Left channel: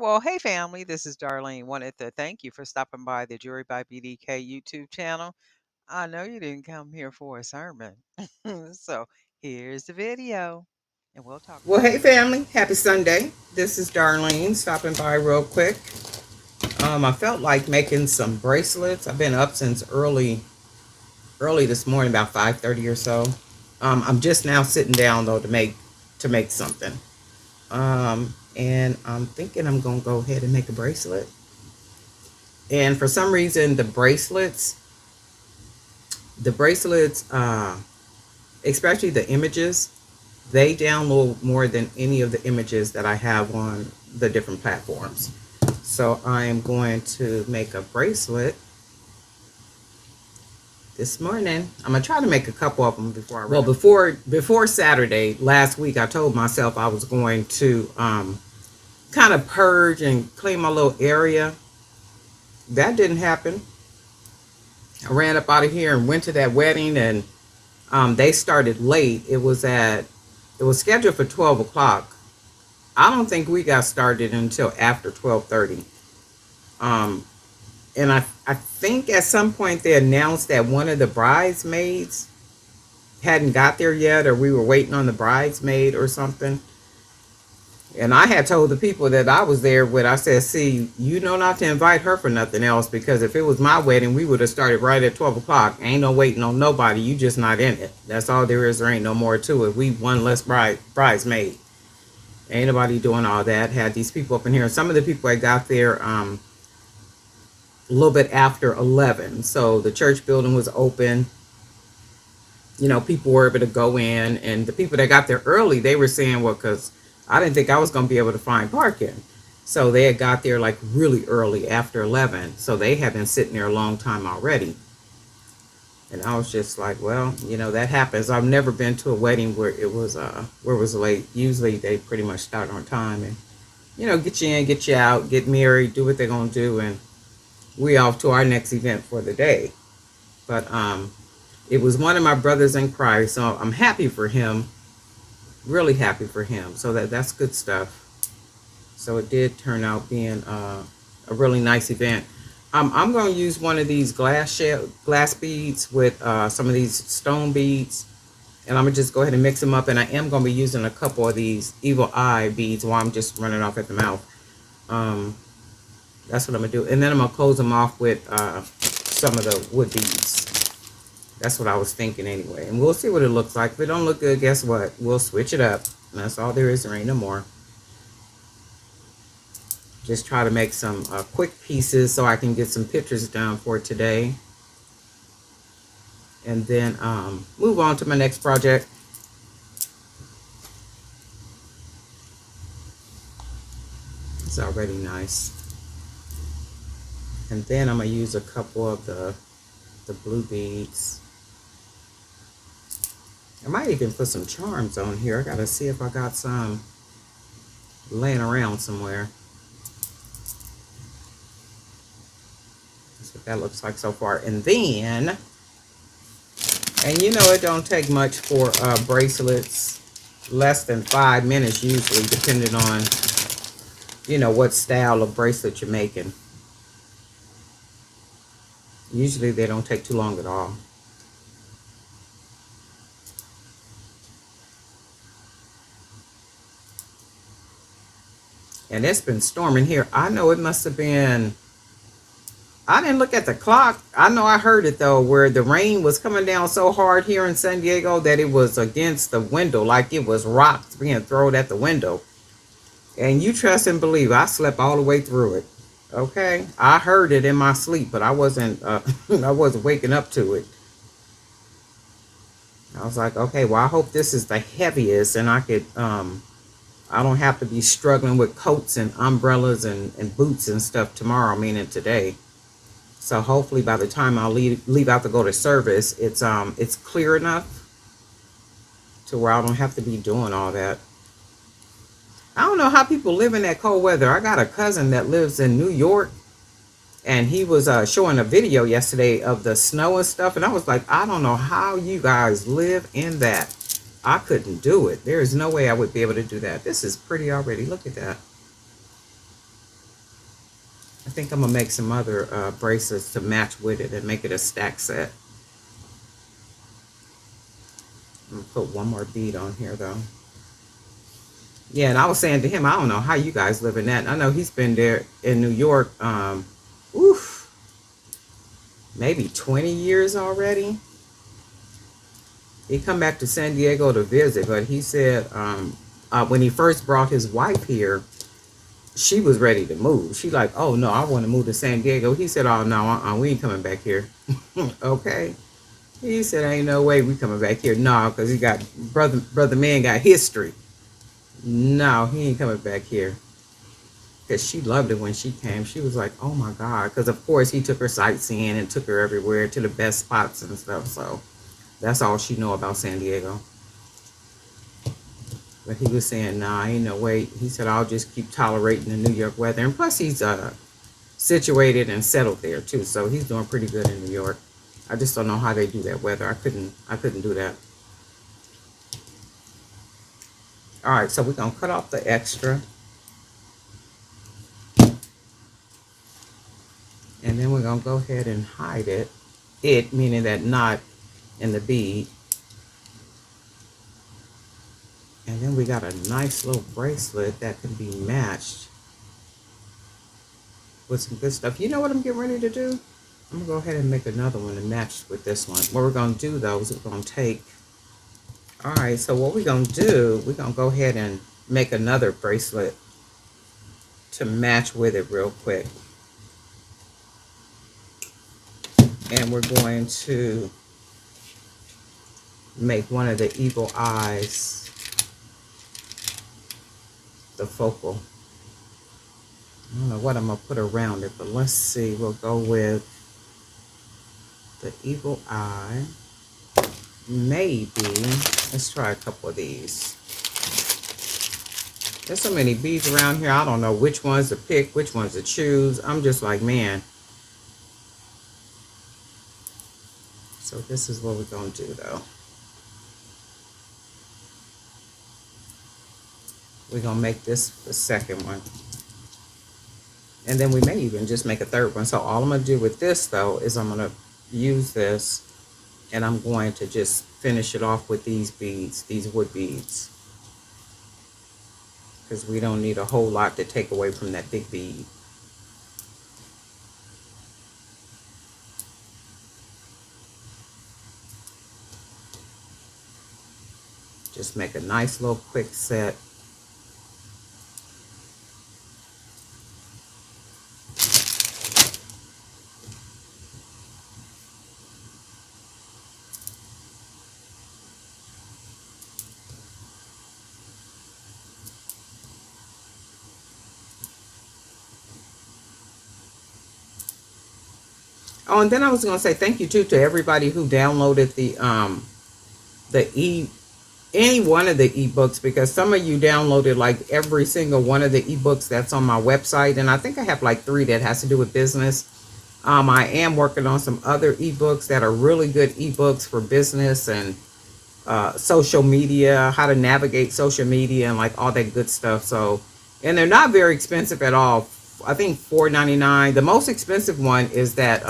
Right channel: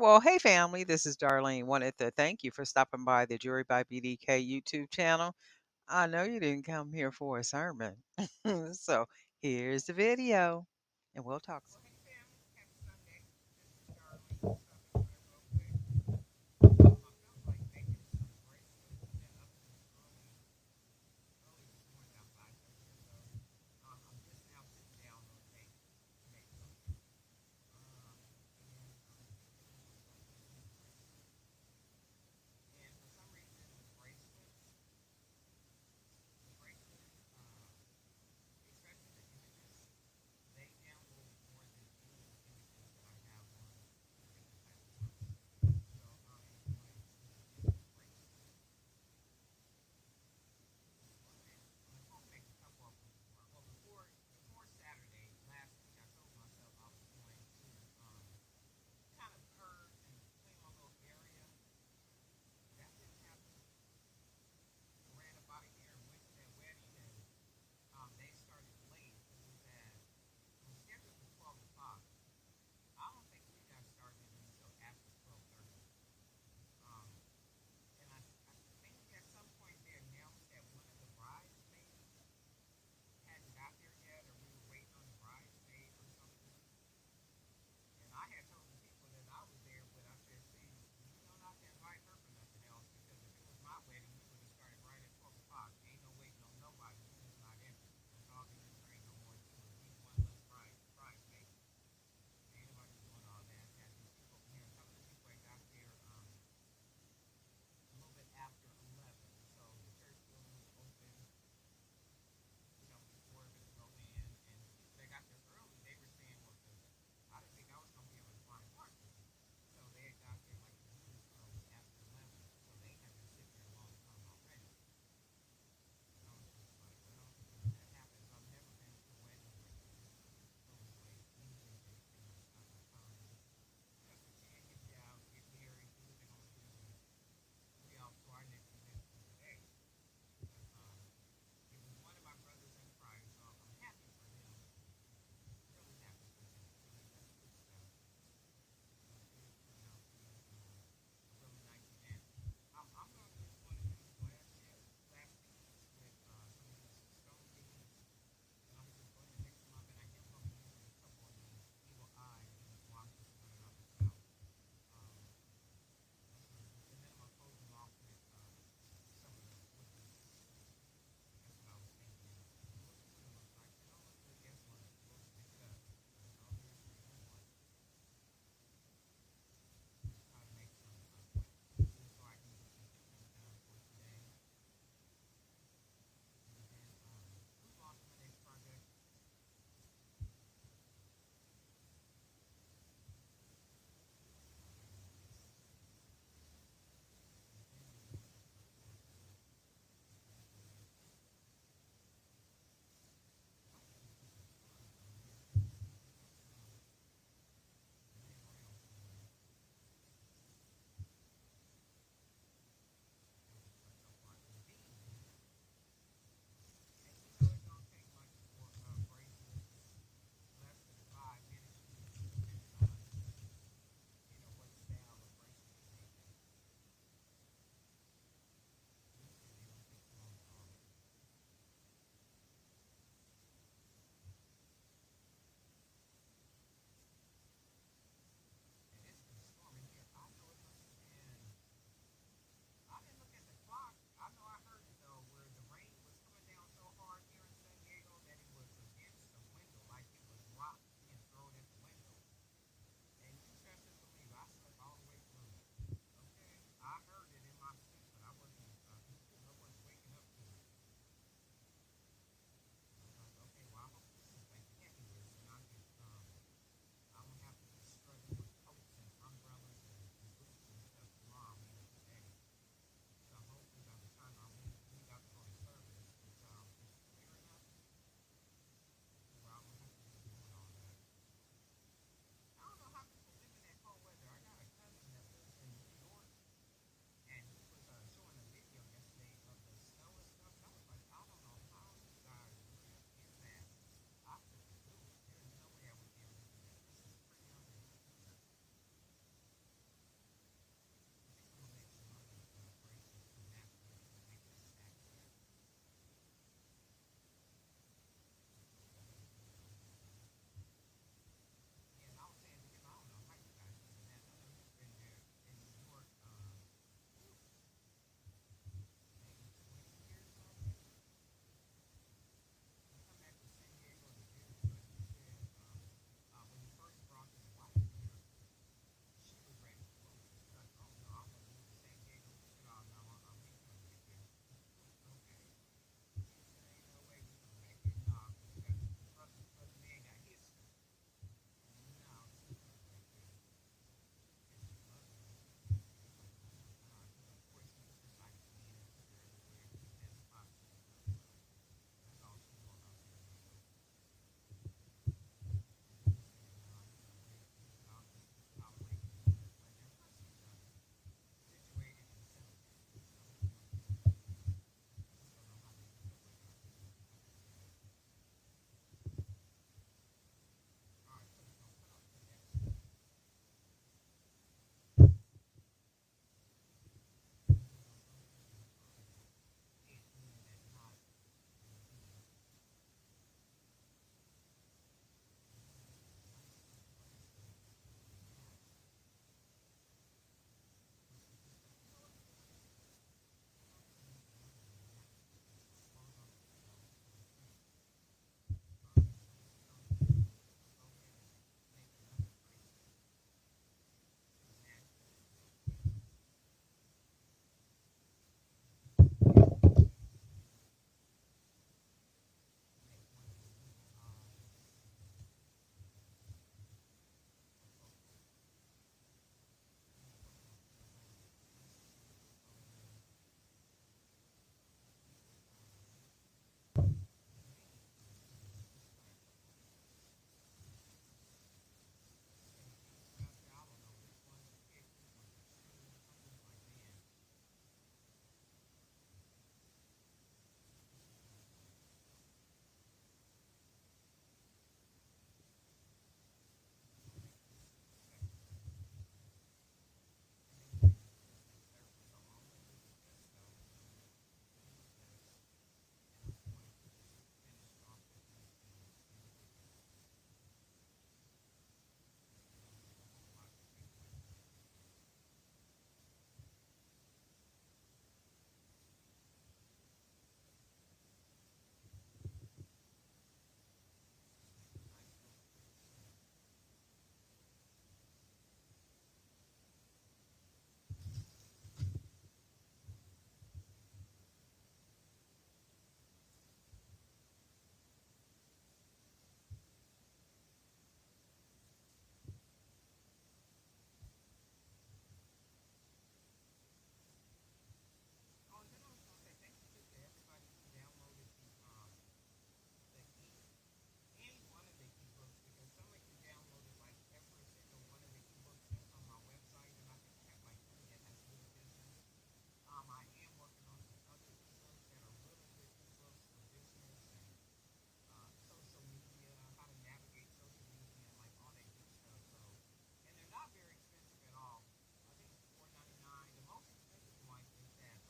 Well, hey family, this is Darlene. Wanted to thank you for stopping by the Jury by BDK YouTube channel. I know you didn't come here for a sermon. So here's the video and we'll talk Well, about hey it. family, happy Sunday. This is Darlene stopping by real quick. I felt like making some bracelets. I've been up since early this morning, about 5:30 or so. I'm just now sitting down though to make something. And I'm thinking I'm gonna go ahead and make a bracelet. And for some reason, the bracelets, especially the images, they download more than any of the images that I have on the different platforms. So I am going to make a bracelet this morning. I'm gonna try to make a couple of them before I run. Well, before Saturday last week, I told myself I was going to kind of purge and clean my little area. That didn't happen. I ran up out of here and went to that wedding, and they started late. It was scheduled for 12 o'clock. I don't think we got started until after 12:30. Um, and I think at some point they announced that one of the bridesmaids hadn't got there yet, or we were waiting on the bridesmaid or something. And I had told the people that I was there with, I said, see, you know not to invite her for nothing else, because if it was my wedding, we would have started right at 12 o'clock. Ain't no waiting on nobody. You just not in it. That's all there is. There ain't no more to it. We one less bridesmaid. Ain't nobody doing all that. Had these people up in here. And some of the people I got there a little bit after 11. So the church building was open. People were able to go in. And the people that got there early, they were saying, well, because I didn't think I was going to be able to find parking. So they had got there like really early after 11. So they had been sitting there a long time already. And I was just like, well, that happens. I've never been to a wedding where it was late. Usually they pretty much start on time and, get you in, get you out, get married, do what they're going to do. And we off to our next event for the day. But it was one of my brothers in Christ, so I'm happy for him, really happy for him. So that's good stuff. So it did turn out being a really nice event. I'm going to use one of these glass beads with some of these stone beads, and I'm going to just go ahead and mix them up. And I am going to be using a couple of these evil eye beads while I'm just running off at the mouth. That's what I'm going to do. And then I'm going to close them off with some of the wood beads. That's what I was thinking anyway. And we'll see what it looks like. If it don't look good, guess what? We'll switch it up. And that's all there is. There ain't no more. Just try to make some quick pieces so I can get some pictures done for today. And then move on to my next project. It's already nice. And then I'm going to use a couple of the blue beads. I might even put some charms on here. I got to see if I got some laying around somewhere. That's what that looks like so far. And then, and it don't take much for bracelets. Less than 5 minutes usually, depending on, what style of bracelet you're making. Usually they don't take too long at all. And it's been storming here. I know it must have been, I didn't look at the clock. I know I heard it though, where the rain was coming down so hard here in San Diego that it was against the window, like it was rocks being thrown at the window. And you trust and believe, I slept all the way through it. Okay, I heard it in my sleep, but I wasn't I wasn't waking up to it. I was like, okay, well, I hope this is the heaviest, and I don't have to be struggling with coats and umbrellas and boots and stuff tomorrow, meaning today. So hopefully by the time I leave out to go to service, it's clear enough to where I don't have to be doing all that. I don't know how people live in that cold weather. I got a cousin that lives in New York, and he was showing a video yesterday of the snow and stuff, and I was like, I don't know how you guys live in that. I couldn't do it. There is no way I would be able to do that. This is pretty already. Look at that. think I'm gonna make some other bracelets to match with it and make it a stack set. I'm gonna put one more bead on here though. Yeah, and I was saying to him, I don't know how you guys live in that. I know he's been there in New York, oof, maybe 20 years already. He come back to San Diego to visit, but he said when he first brought his wife here, she was ready to move. She like, oh no, I want to move to San Diego. He said, oh no, we ain't coming back here. Okay. He said, ain't no way we coming back here. No, because he got brother man got history. No, he ain't coming back here. Because she loved it when she came. She was like, oh my God. Because of course he took her sightseeing and took her everywhere to the best spots and stuff. So that's all she know about San Diego. But he was saying, nah, ain't no way. He said, I'll just keep tolerating the New York weather. And plus he's situated and settled there too. So he's doing pretty good in New York. I just don't know how they do that weather. I couldn't do that. All right, so we're gonna cut off the extra. And then we're gonna go ahead and hide it. It meaning that knot in the bead. And then we got a nice little bracelet that can be matched with some good stuff. You know what I'm getting ready to do? I'm gonna go ahead and make another one to match with this one. What we're gonna do though is we're gonna take, all right, so what we're gonna do, we're gonna go ahead and make another bracelet to match with it real quick. And we're going to make one of the evil eyes the focal. I don't know what I'm gonna put around it, but let's see. We'll go with the evil eye. Maybe, let's try a couple of these. There's so many beads around here. I don't know which ones to pick, which ones to choose. I'm just like, man. So this is what we're gonna do though. We're gonna make this the second one. And then we may even just make a third one. So all I'm gonna do with this though is I'm gonna use this and I'm going to just finish it off with these beads, these wood beads. Because we don't need a whole lot to take away from that big bead. Just make a nice little quick set. Oh, and then I was gonna say thank you too to everybody who downloaded the any one of the ebooks, because some of you downloaded like every single one of the ebooks that's on my website, and I think I have like 3 that has to do with business. I am working on some other ebooks that are really good ebooks for business and social media, how to navigate social media and like all that good stuff. So, and they're not very expensive at all. I think $4.99. The most expensive one is that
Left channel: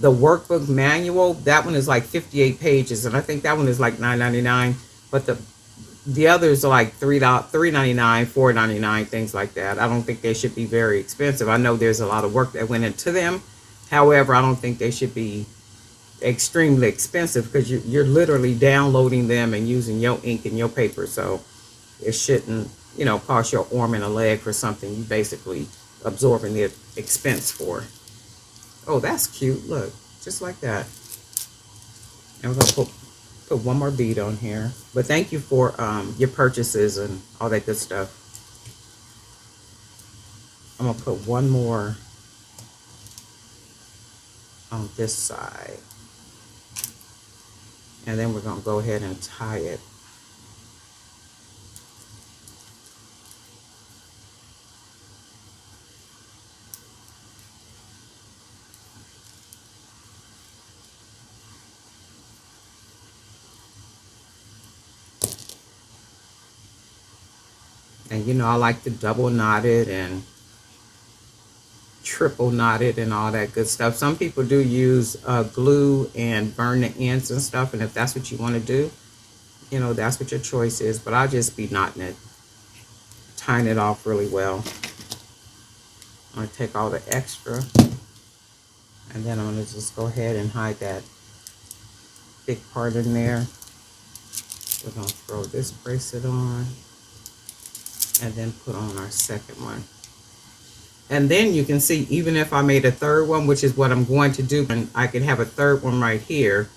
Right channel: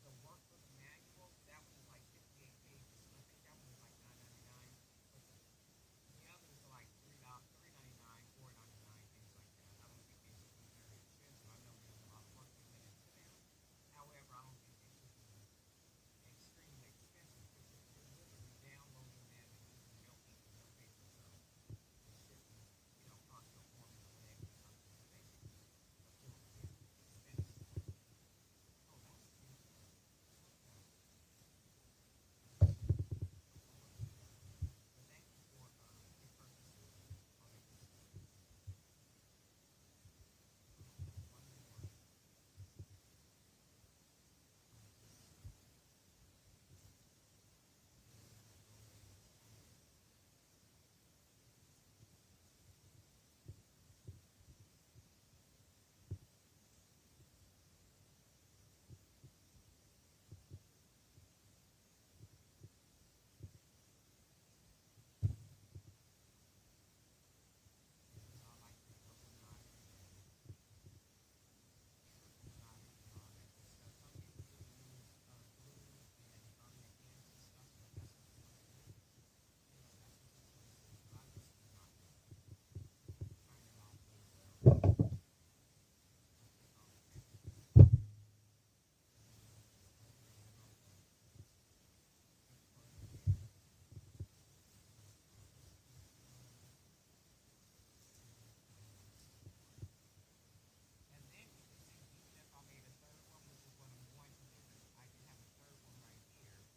the workbook manual. That one is like 58 pages, and I think that one is like $9.99. But the others are like $3.99, $4.99, things like that. I don't think they should be very expensive. I know there's a lot of work that went into them. However, I don't think they should be extremely expensive because you're literally downloading them and using your ink and your paper. So it shouldn't, you know, cost your arm and a leg for something you basically absorbing the expense for. Oh, that's cute. Look, just like that. And we're gonna put one more bead on here. But thank you for your purchases and all that good stuff. I'm gonna put one more on this side. And then we're gonna go ahead and tie it. And you know, I like to double knot it, and triple knotted and all that good stuff. Some people do use glue and burn the ends and stuff, and if that's what you want to do, you know, that's what your choice is. But I'll just be knotting it, tying it off really well. I'm going to take all the extra, and then I'm going to just go ahead and hide that big part in there. We're going to throw this bracelet on, and then put on our second one. And then you can see, even if I made a third one, which is what I'm going to do, and I could have a third one right here,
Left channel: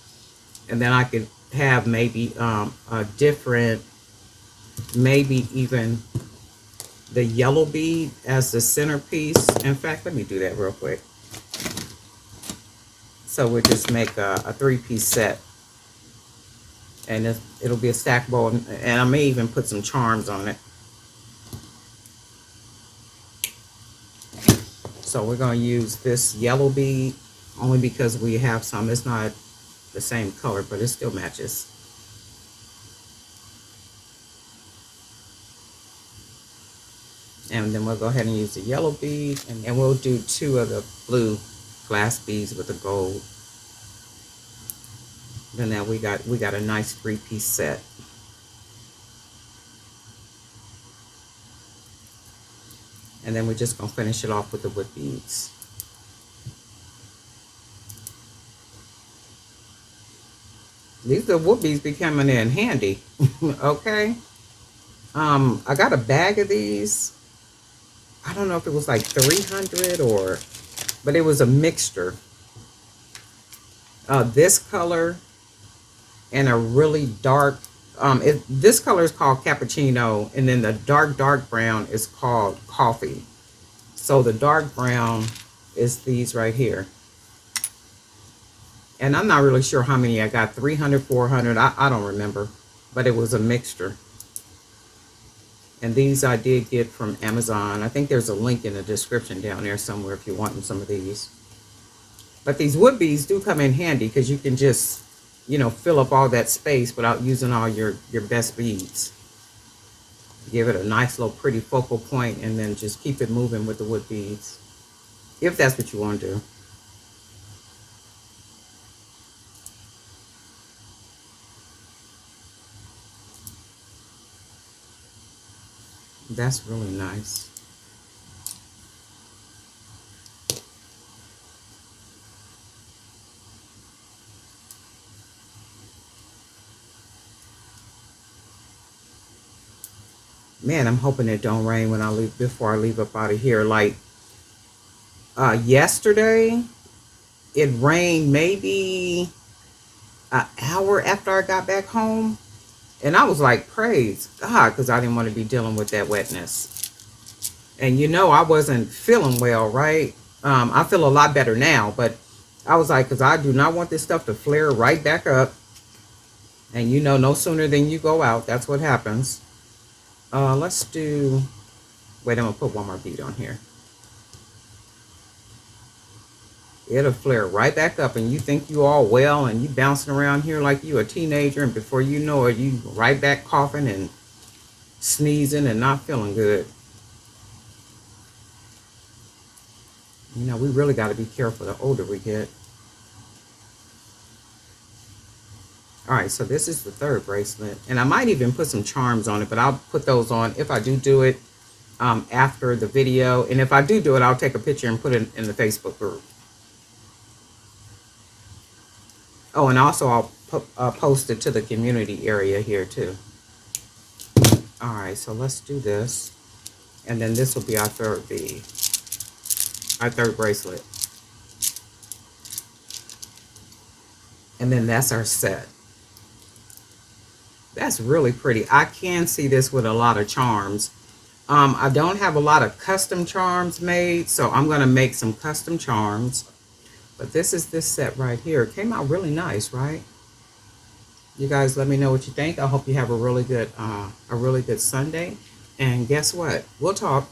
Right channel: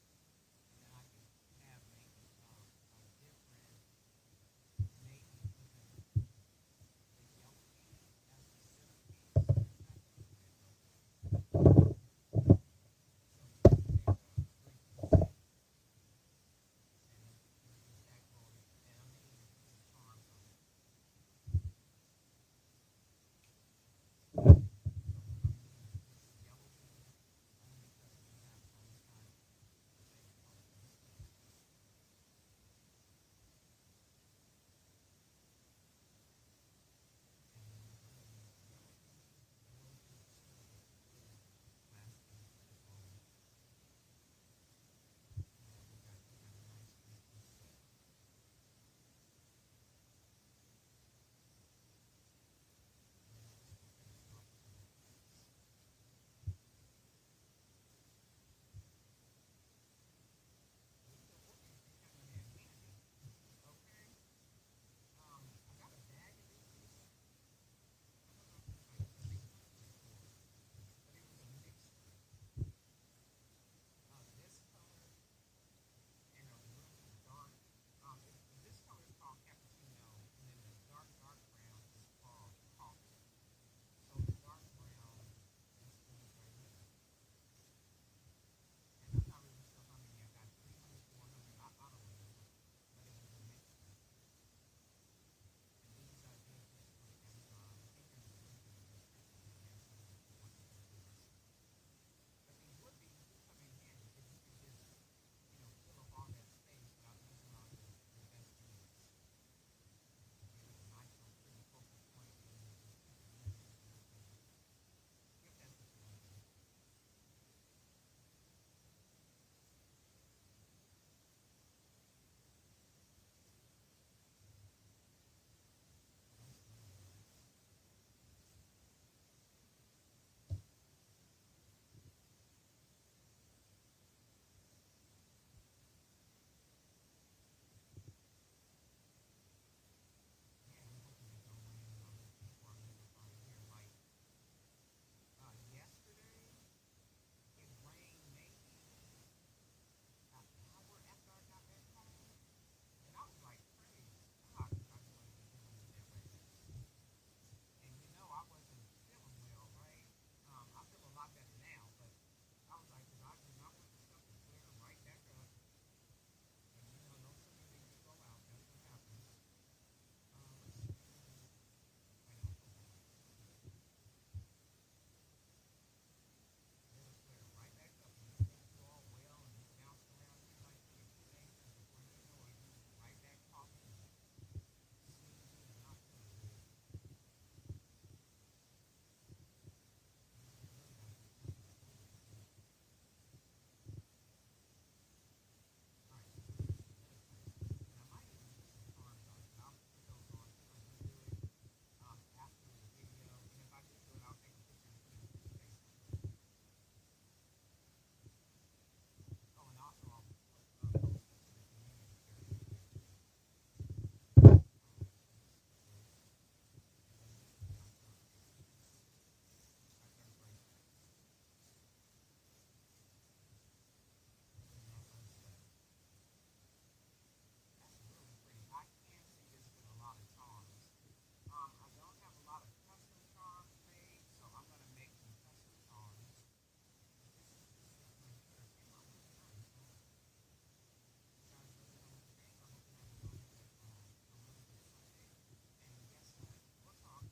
and then I could have maybe a different, maybe even the yellow bead as the centerpiece. In fact, let me do that real quick. So we'll just make a three-piece set, and it'll be a stackable, and I may even put some charms on it. So we're going to use this yellow bead only because we have some. It's not the same color, but it still matches. And then we'll go ahead and use the yellow bead, and we'll do 2 of the blue glass beads with the gold. Then now we got a nice 3-piece set. And then we're just gonna finish it off with the wood beads. These the wood beads be coming in handy. Okay. I got a bag of these. I don't know if it was like 300 or, but it was a mixture. This color and a really dark, this color is called cappuccino, and then the dark brown is called coffee. So the dark brown is these right here. And I'm not really sure how many I got, 300, 400, I don't remember, but it was a mixture. And these I did get from Amazon. I think there's a link in the description down there somewhere if you're wanting some of these. But these wood beads do come in handy because you can just, you know, fill up all that space without using all your best beads. Give it a nice little pretty focal point, and then just keep it moving with the wood beads, if that's what you want to do. That's really nice. Man, I'm hoping it don't rain when I leave, before I leave up out of here. Like yesterday, it rained maybe an hour after I got back home, and I was like, praise God, because I didn't want to be dealing with that wetness. And you know, I wasn't feeling well, right? I feel a lot better now, but I was like, because I do not want this stuff to flare right back up. And you know, no sooner than you go out, that's what happens. Let's do, wait, I'm gonna put one more bead on here. It'll flare right back up, and you think you all well, and you bouncing around here like you a teenager, and before you know it, you right back coughing and sneezing and not feeling good. You know, we really got to be careful the older we get. All right, so this is the third bracelet, and I might even put some charms on it, but I'll put those on if I do it after the video. And if I do it, I'll take a picture and put it in the Facebook group. Oh, and also I'll post it to the community area here too. All right, so let's do this, and then this will be our third bead, our third bracelet, and then that's our set. That's really pretty. I can see this with a lot of charms. I don't have a lot of custom charms made, so I'm going to make some custom charms. But this is this set right here. It came out really nice, right? You guys let me know what you think. I hope you have a really good Sunday. And guess what? We'll talk.